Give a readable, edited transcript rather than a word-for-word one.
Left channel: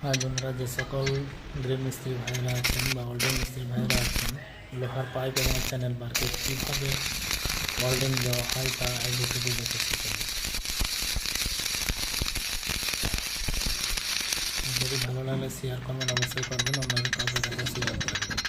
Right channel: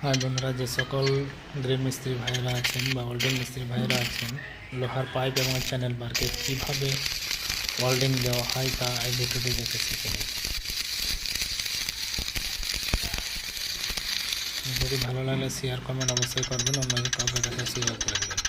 হ্যাঁ বন্ধুরা, যে সকল গ্রিল মিস্ত্রি ভাইয়েরা আছেন বা ওয়েল্ডিং মিস্ত্রি ভাইয়েরা আছেন, লোহার পাইপ এবং চ্যানেল বারকে কীভাবে ওয়েল্ডিং দেওয়া হয় তা এই ভিডিওটি দেখে শিখে নিন। যদি ভালো লাগলে শেয়ার করবেন, অবশ্যই করবেন, অন্য কাউকে দেখে শেয়ার করে দেবেন।